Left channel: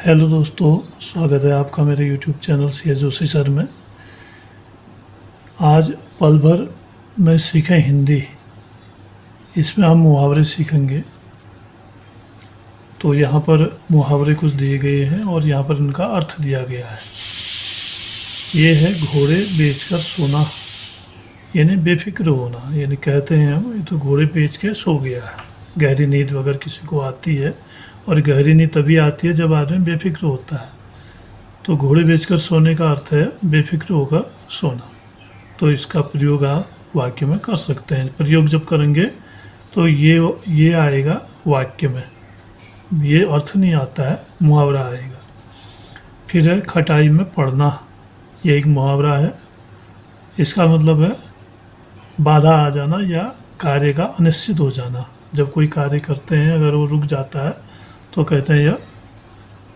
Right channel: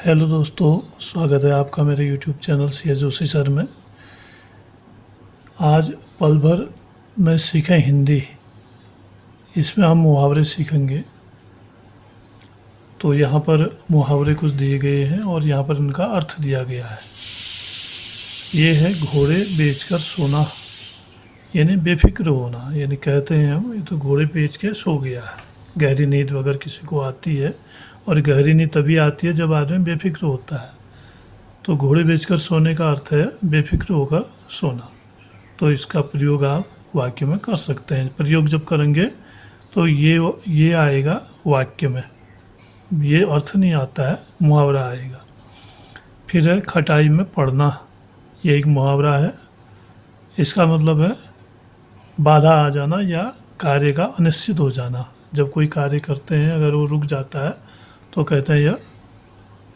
Hello दोस्तों, स्वागत है आपका मेरे YouTube channel C Joshi sir में। आज पल भर में सीखें हिंदी, इसमें हम मुहावरे सीखेंगे। तो यहाँ पर मुहावरे कुछ दिए गए हैं और यहाँ पर इनका अर्थ दिया गया है। ये है घोड़े बेचकर सोना, यानी बेफिक्र होना। यानी कहते हैं हम, ये तो घोड़े बेच के सो गया है। गहरी नींद अगर किसी को आती है, और गहरी नींद तभी आती है जब आदमी बेफिक्र होता है। तो घोड़े बेचकर सोने का अर्थ है बेफिक्र होकर सोना। तो इसका प्रयोग आप वाक्य में कर सकते हैं। प्रयोग जब करेंगे तो ये आएगा वाक्य में, ये अर्थ नहीं आता है, मुहावरा आएगा। फिर है खटाई में पड़ना, ये एक मुहावरा है। इसका मतलब है बाधा आ जाना या कार्य का अनिश्चित हो जाना। जब कोई कार्य करते हैं अगर वो रुक जाता है तो कहते हैं यह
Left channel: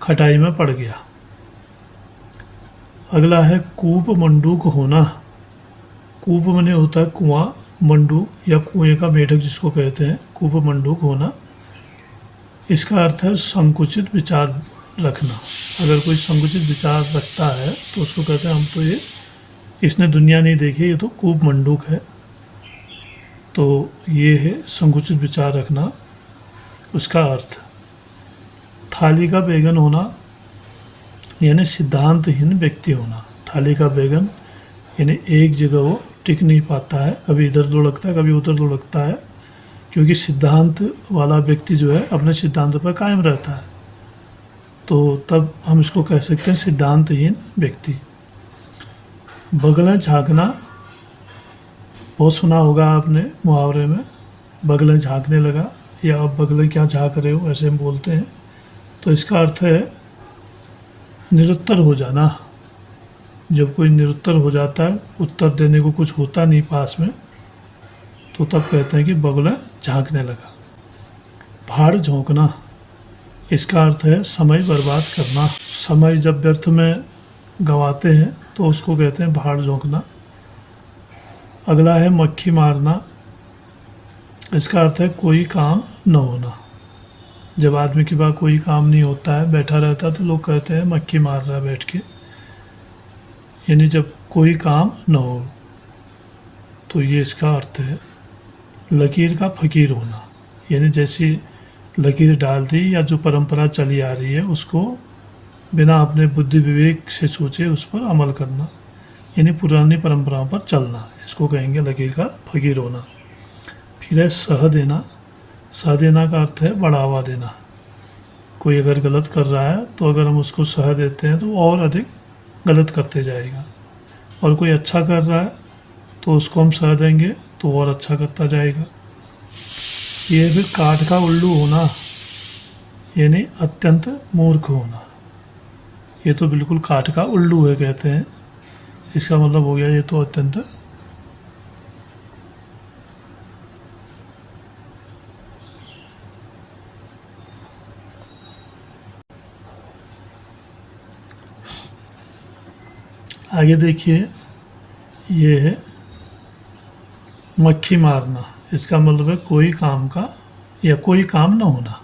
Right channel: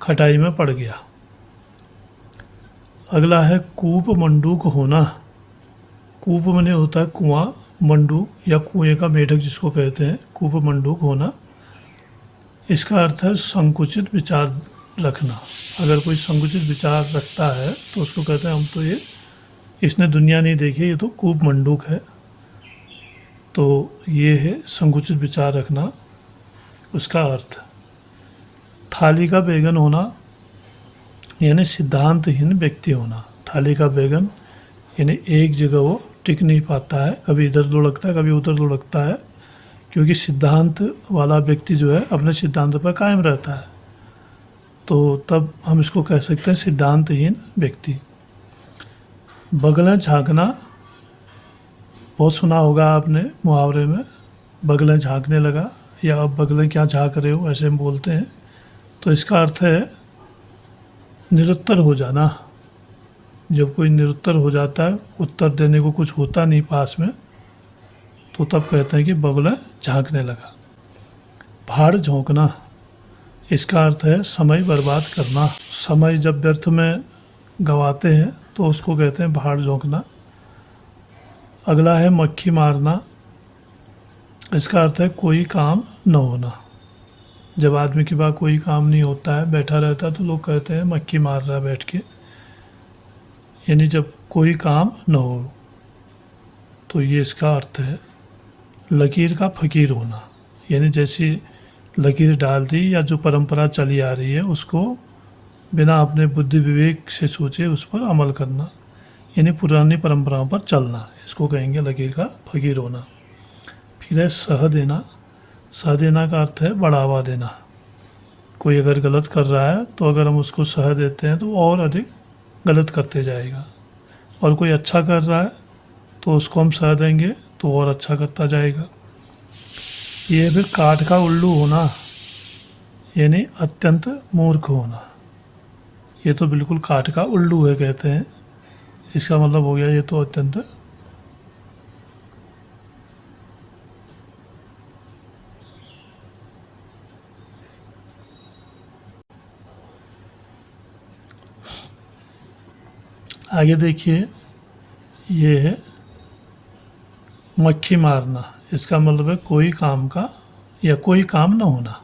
खटाई में पड़ गया। अगला है कूप मंडूक होना। कूप माने होता है कुआं, मंडूक या कुएं का मेढक जिसको कहते हैं, कूप मंडूक होना। इसका अर्थ है संकुचित विचार रखना। अगर कोई संकुचित विचार रखता है तो उसको कहते हैं हम तो ये इसने दुनिया नहीं देखी, ये तो कूप मंडूक है। तो ये है संकुचित विचार रखना, उसका अर्थ। थाली का बैगन होना यानी सिद्धांतहीन व्यक्ति होना। थाली का बैगन यानी एक जगह वो टिक नहीं पाता है, कभी इधर लुढ़कता है कभी उधर लुढ़कता है, क्योंकि सिद्धांत वाला व्यक्ति जो है अपने सिद्धांत पर कायम रहता है। तो तब हम इसको कह सकते हैं सिद्धांतहीन व्यक्ति। बगलें झाँकना, बहुत सुना होगा आपने मुहावरे में, बगलें झाँकने लगा या आप बगलें क्या झाँक रहे हो, ऐसे हम बोलते हैं। तो इसका अर्थ है निरुत्तर हो जाना। जब कोई निरुत्तर हो जाता है, उत्तर देने को कुछ होता नहीं पास में, तो तब कहते हैं कि बगुला झांकने लगा। भाड़ झोंकना, इसका अर्थ है समय बर्बाद करना। समय जब व्यर्थ में गंवाते हैं तो उसको कहते हैं भाड़ झोंकना। अगला है मक्खी मारना। इसका अर्थ है कोई काम न होना। जब आदमी के पास कोई काम नहीं होता है, बैठा रहता है, तो लोग कहते हैं मक्खी मार रहा है बैठ के, यानी जब कोई काम न हो। तो ये इसका अर्थ है। लकीर का फकीर होना, यानी जैसी लकीर डाल दी या जो परंपरा चली आ रही है उसको बिना अपने बुद्धि विवेक से सोचे उस पर अमल करना, यानी पुरानी परंपराओं पर चलना, इसको कहेंगे लकीर का फकीर होना। फिर है सह देना। सह देना का अर्थ है बढ़ावा देना। कोई अगर गलत कर रहा है तो अगर हम उसको सह देते हैं तो और अधिक गलत करते जाएगा, और कोई अच्छा कर रहा है तो उसको हम सह देंगे तो और अच्छा करता जाएगा। ये फिर काठ का उल्लू होना, यानी अत्यंत मूर्ख होना। ये तो बिल्कुल काठ का उल्लू है कहते हैं, इसका मतलब हो गया ये तो अत्यंत। आगे देखिए, ये है मक्खी मारना। इसका मतलब है कोई काम का या कोई काम ना होना।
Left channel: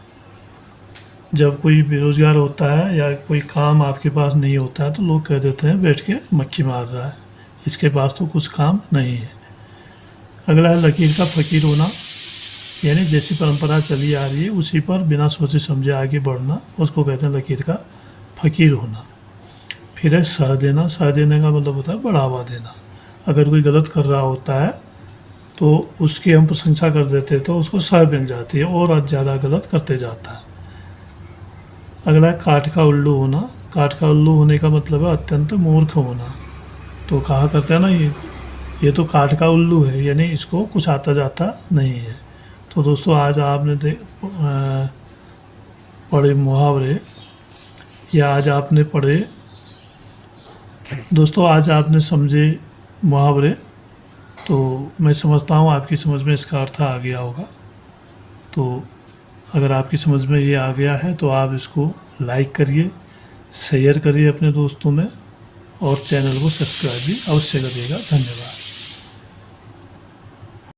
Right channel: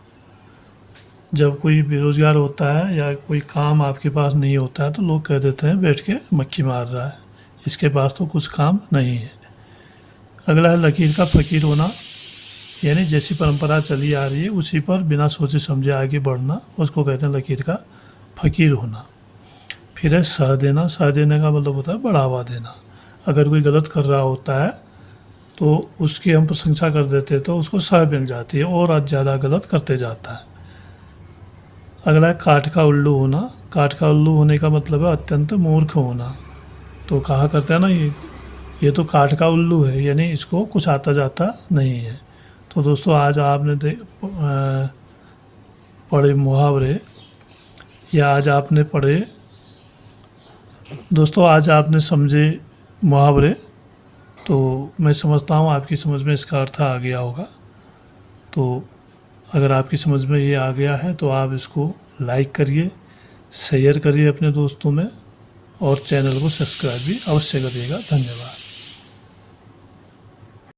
जब कोई बेरोज़गार होता है या कोई काम आपके पास नहीं होता है तो लोग कह देते हैं बैठ के मक्खी मार रहा है, इसके पास तो कुछ काम नहीं है। अगला है लकीर का फकीर होना, यानी जैसी परंपरा चली आ रही है उसी पर बिना सोचे समझे आगे बढ़ना, उसको कहते हैं लकीर का फकीर होना। फिर है सह देना। सह देने का मतलब होता है बढ़ावा देना। अगर कोई गलत कर रहा होता है तो उसकी हम प्रशंसा कर देते हैं तो उसको सह मिल जाती है और ज़्यादा गलत करते जाता है। अगला है काठ का उल्लू होना। काठ का उल्लू होने का मतलब है अत्यंत मूर्ख होना। तो कहा करते हैं ना, ये तो काठ का उल्लू है, यानी इसको कुछ आता जाता नहीं है। तो दोस्तों आज आपने पढ़े मुहावरे, या आज आपने पढ़े दोस्तों, आज आपने समझे मुहावरे। तो मैं समझता हूँ आपकी समझ में इसका अर्थ आ गया होगा। तो अगर आपकी समझ में ये आ गया है तो आप इसको लाइक करिए, शेयर करिए अपने दोस्तों में, और चैनल को सब्सक्राइब भी अवश्य करिएगा। धन्यवाद।